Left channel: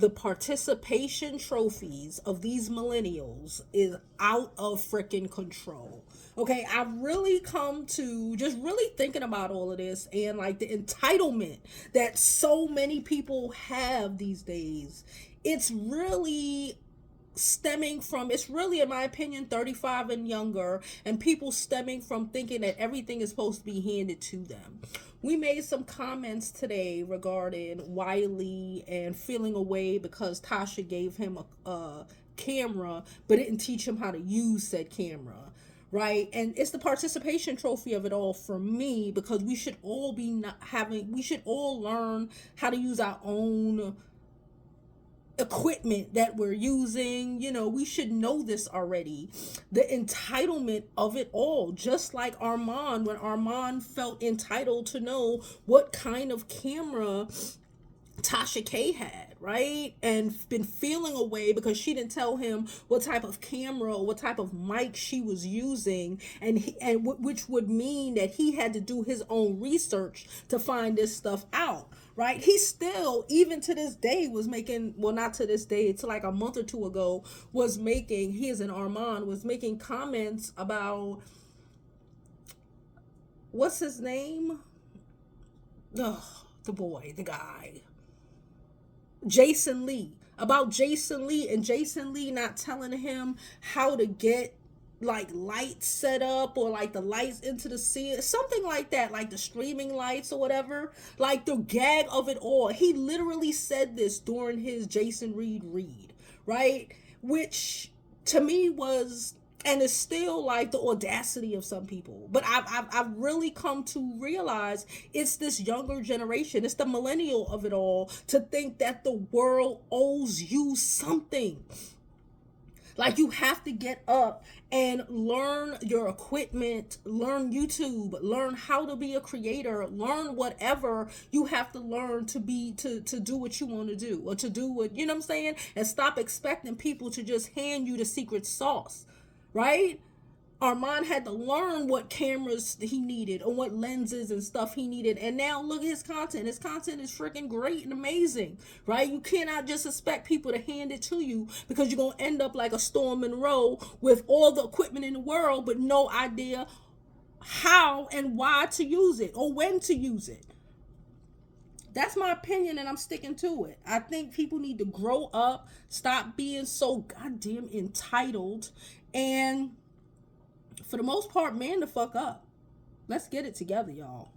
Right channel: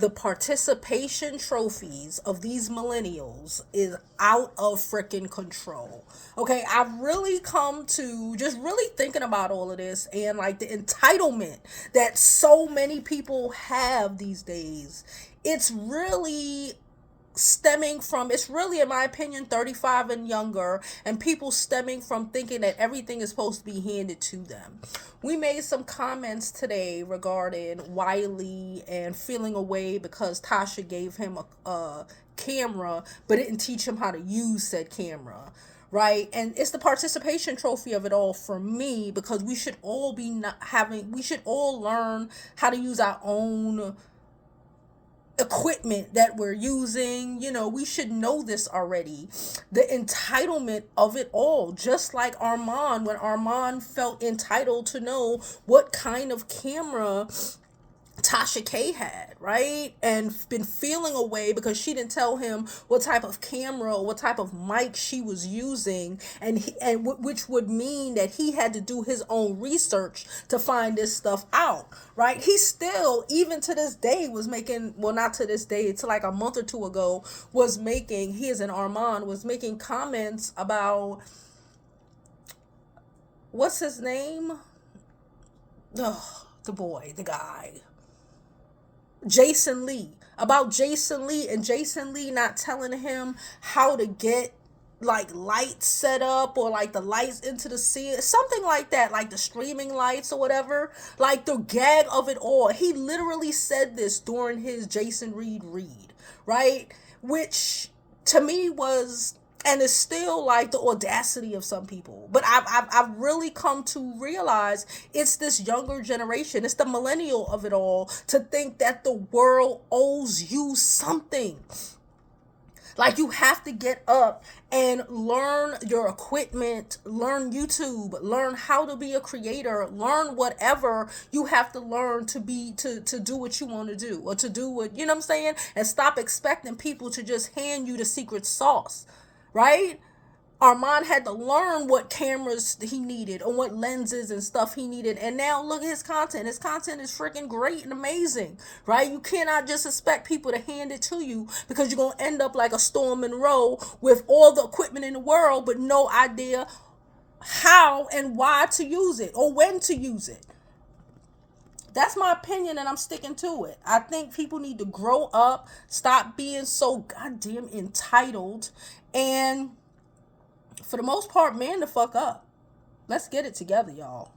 the participation trophies of these millennials is out of freaking control. Okay, I've really come to just really thinking about all of this and like the entitlement that so many people have these days. It's really stemming from, it's really in my opinion 35 and younger, and people stemming from thinking that everything is supposed to be handed to them. We made some comments today regarding Wiley and feeling away because Tasha gave him a camera but didn't teach him how to use said camera, right? And it's the participation trophy of it all for me, because we should all be not having, we should all learn how to use our own equipment that we're using. You know, we should know this already. The entitlement of it all, just like Armon, when Armon felt entitled to know what kind of camera Tasha K had, right? And been feeling away because she didn't tell him what type of camera or what type of mic she was using, which would mean that he had to do his own research to find this stuff out, right? He still, even to this day, was making, well, not to this day, it's like a month or two ago, was making, he is an Armand, was making comments about, what's his name? Oh, the boy, the guy. Jason Lee, about Jason Lee, and Jason Lee not telling him how to get like lights set up, or like the lights into the scene, something like that, like the streaming lights or whatever, like the gag of it all. He literally said this during his Jason Reed read, right? Which to me was, and it's still like the audacity of some people. But I've really come to realize it's this younger generation, it's the millennial of it all, to think that the world owes you something. Like you have to get up and learn your equipment, learn YouTube, learn how to be a creator, learn whatever you have to learn to be, to do what you want to do, or to do what, you know what I'm saying? And stop expecting people to just hand you the secret sauce, right? Armand had to learn what cameras he needed or what lenses and stuff he needed. And now look at his content. His content is freaking great and amazing, right? You cannot just expect people to hand it to you, because you're going to end up like a Storm Monroe with all the equipment in the world, but no idea how and why to use it or when to use it. That's my opinion, and I'm sticking to it. I think people need to grow up, stop being so goddamn entitled, and for the most part, man the fuck up. Let's get it together, y'all.